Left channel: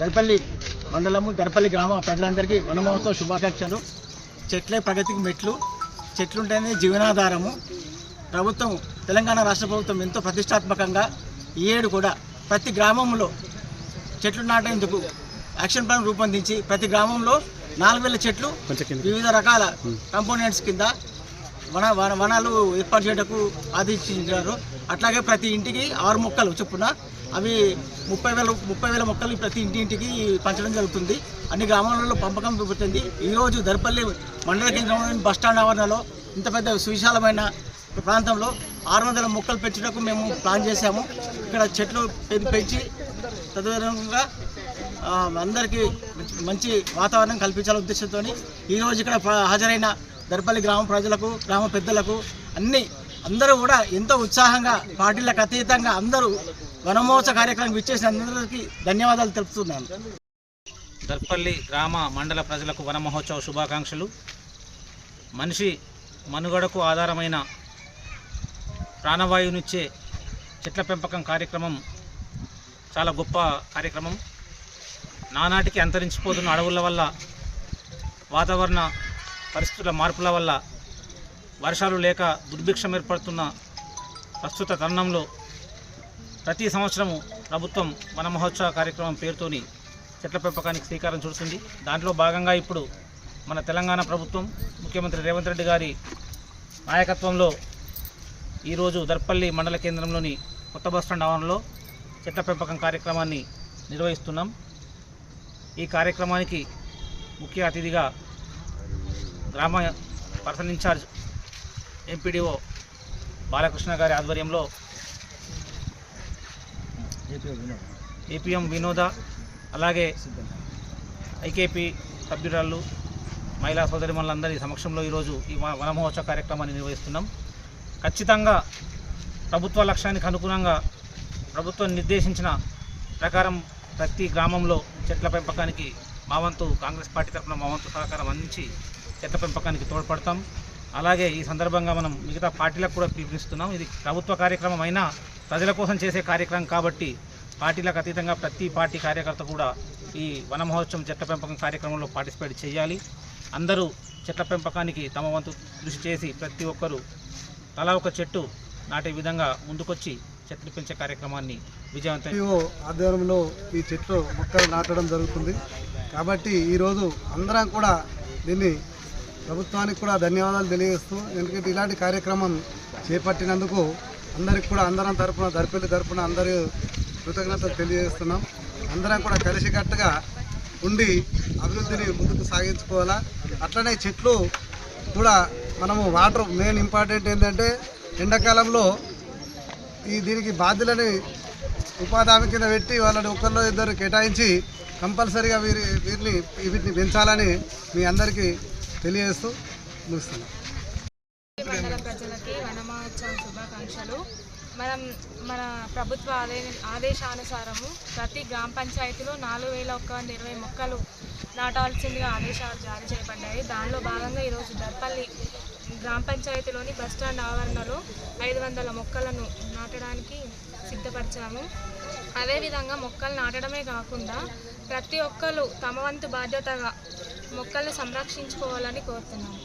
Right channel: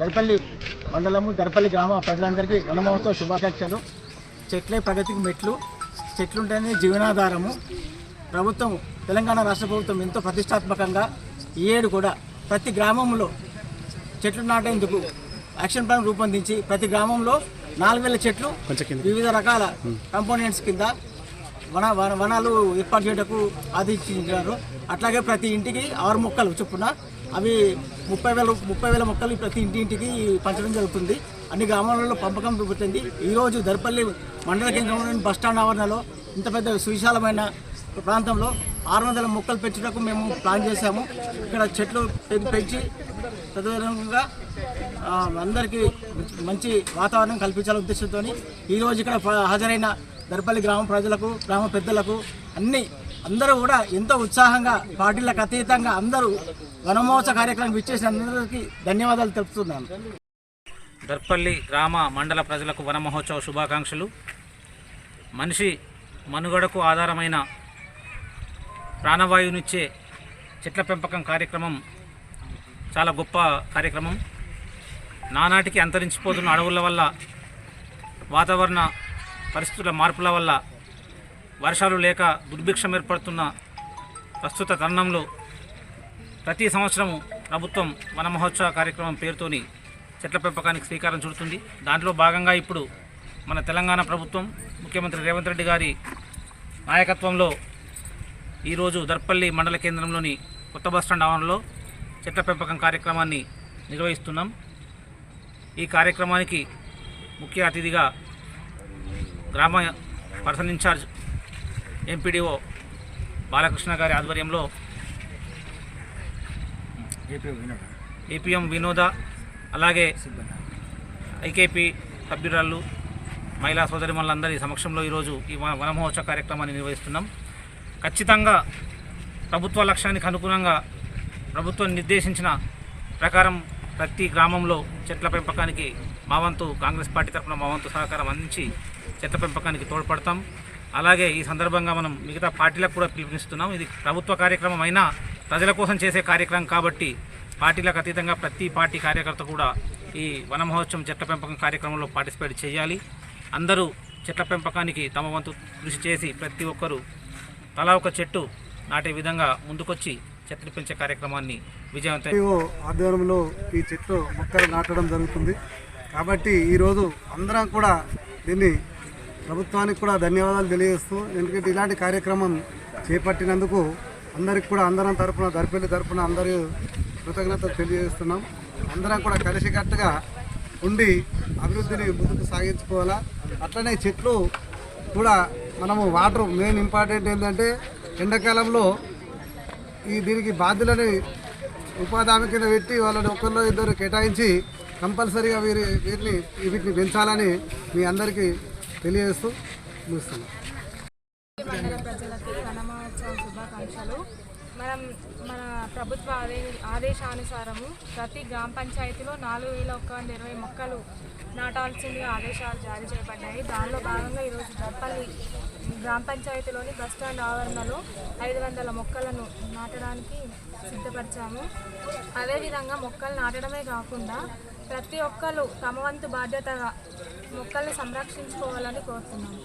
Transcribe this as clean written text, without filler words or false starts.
దర్పల్లి మండలము దర్పల్లి గ్రామ ప్రజలందరికీ వన మహోత్సవ శుభాకాంక్షలు. చెట్లే ప్రగతికి మెట్లు, చెట్లుంటేనే జీవనాధారము. ప్రభుత్వం తెలంగాణ రాష్ట్ర ప్రభుత్వం ఎంతో ప్రతిష్టాత్మకంగా ఈ ఏడు కూడా ప్రతి గ్రామంలో చెట్లు నాటేందుకు యాక్షన్ ప్లాన్ రూపొందించి ప్రతి గ్రామంలో 4000 చెట్లు వివిధ రకాల కంపోనెంట్స్ కింద వనాలు ఏర్పాటు చేయడానికి ఆదేశించారు. అట్లాగే ప్రతి ఇంటికి 6 మొక్కలు చొప్పున అవి 30,000 మొక్కలు ప్రతి ఇంటింటికి పంచడం జరుగుతుంది. అన్ని గ్రామాలలో పంపకం జరుగుతుంది. ఈరోజు దర్పల్లి మండల కేంద్రంలోని బస్టాండ్ ఆవరణలో ఇంత పెద్ద సువిశాలమైన ప్రాంతంలో 600 మొక్కలు పెంచడానికి మేము ప్లాన్ చేశాము. ఇక్కడ చెట్లు పెంచి తదనంగా అందరికీ మంచి వాతావరణం కల్పించాలనే ఉద్దేశంతో ఈరోజు ఇక్కడ హాజరైన దర్పల్లి గ్రామ ప్రజలకు, గ్రామ పెద్దలకు అందరూ కూడా ఎంతో ఉత్సాహంగా పార్టీలకు అతీతంగా అందరూ వనమహోత్సవ కార్యక్రమం విచ్చేసిన అందరికీ ధన్యవాదాలు తెలుపుతున్నాను. దర్పల్లి గ్రామ మండల ప్రజలకు వన మహోత్సవ శుభాకాంక్షలు. మనిషి మనుగడకు ఆధారమైన ప్రాణవాయువునిచ్చే చెట్ల పెంపకం కార్యక్రమం చాలా గొప్ప కార్యక్రమం. నానాటికి అంతరించిపోతున్న అడవుల వల్ల, వాతావరణ పరిస్థితుల మార్పుల వల్ల, వర్షాలు లేక దుర్భిక్షం ఏర్పడుతున్న ప్రస్తుత తరుణంలో ప్రతి సంవత్సరము ప్రభుత్వం వన మహోత్సవ కార్యక్రమం పేరుతోని చెట్ల పెంపకానికి శ్రీకారం చుడుతుంది. దాంట్లో భాగంగా ఇప్పుడు మన తెలంగాణ ప్రభుత్వం ముఖ్యమంత్రి రేవంత్ రెడ్డి గారి నాయకత్వంలో ఈరోజు దర్పల్లి మండల కేంద్రంలోని కొత్త బస్టాండ్ ఆవరణలో చెట్ల పెంపకం కార్యక్రమాన్ని నిర్వహిస్తున్నాం. ఈ కార్యక్రమానికి ముఖ్య అతిథిగా గ్రామ పర్సన్ ఇన్ఛార్జ్ ఎంపీడీఓ బాలకృష్ణ గారి ఆధ్వర్యంలో ఏపీఎం వినోద, అలాగే ఐకేపీ సభ్యురాళ్ళు, మహిళా సోదరిమణులందరి సమక్షంలో ఈరోజు ఈ వన మహోత్సవ కార్యక్రమాన్ని నిర్వహిస్తున్నాం. ఖచ్చితంగా ప్రభుత్వ లక్ష్యానికి అనుగుణంగా ప్రభుత్వం నిర్దేశించిన ప్రకారం ప్రతి గ్రామంలో చెట్ల పెంపకానికి మా వంతు కాంగ్రెస్ పార్టీ తరఫున మా వంతు సహకారం అందించి చెట్ల పెంపకానికి తోడ్పడతాం. అలాగే ఈ సందర్భంగా మనం మిగతా పార్టీలకు కూడా పిలుపునిస్తున్నాం. ఇది ప్రభుత్వ కార్యక్రమం అయినా ప్రజల కోసం చేసే కార్యక్రమం కాబట్టి పార్టీలకు అతీతంగా ప్రతి పార్టీ కార్యకర్త కూడా ఈ వన మహోత్సవం చెట్ల పెంపకం కార్యక్రమంలో పార్టిసిపేట్ చేయాలి. అందరూ చెట్ల పెంపకానికి తమ వంతు కృషి చేసి ప్రతి ఒక్కరూ తలా ఒక చెట్టు నాటే విధంగా ముందుకొచ్చి చెట్లు పెంచే కార్యక్రమాన్ని విజయవంతం ఆధ్వర్యంలో ఈ చెట్లు మొక్కలు నాటడం జరుగుతుంది. కాబట్టి ఈరోజు అందరం కూడా దీన్ని ప్రభుత్వానికి కూడా ధన్యవాదాలు తెలియజేస్తూ, ఎందుకంటే ఇలాంటి కార్యక్రమం చేపట్టినందుకు అందరికి కూడా అందరం తరపున, దర్పల్లి తరపున అందరూ కృతజ్ఞతలు తెలియజేస్తున్నాం. అందరం కూడా కలిసికట్టుగా ఉండి అభివృద్ధిని ముందుకు సాగించుకోవాలా. అట్లనే చెట్లు కూడా మనము వాటర్ మెయిన్ ఇంపార్టెంట్ ఏంటంటే ఎండాకాలంలో దీనికి బాధ్యులని ఉపాధి హామీ కింద పెట్టి వాళ్ళని ఒకరిలో ఇద్దరు కేటాయించి కంపల్సరీగా వీటిని పెంచాలని మీ అందరికీ తెలియజేస్తూ ముగిస్తున్నాం. మండల ప్రజలకి వన మహోత్సవ శుభాకాంక్షలు. మన ప్రభుత్వ ఆదేశానుసారము ప్రతి గ్రామ పంచాయతీలో 4120 మొక్కలు నాటాల్సిందిగా ఆదేశాలు జారీ చేయబడ్డాయి. దానిలో భాగంగా ఈరోజు దర్పల్లి గ్రామ పంచాయతీలోని బస్టాండ్ ఆవరణలో 500 మొక్కలను నాటడానికి సిద్ధపరిచాము. అదేవిధంగా మొక్కలు నాటడమే కాకుండా ప్రతి ఒక్కరు తమ వంతు బాధ్యతగా మొక్కల్ని సంరక్షించుకోవాలని కోరుతున్నాము.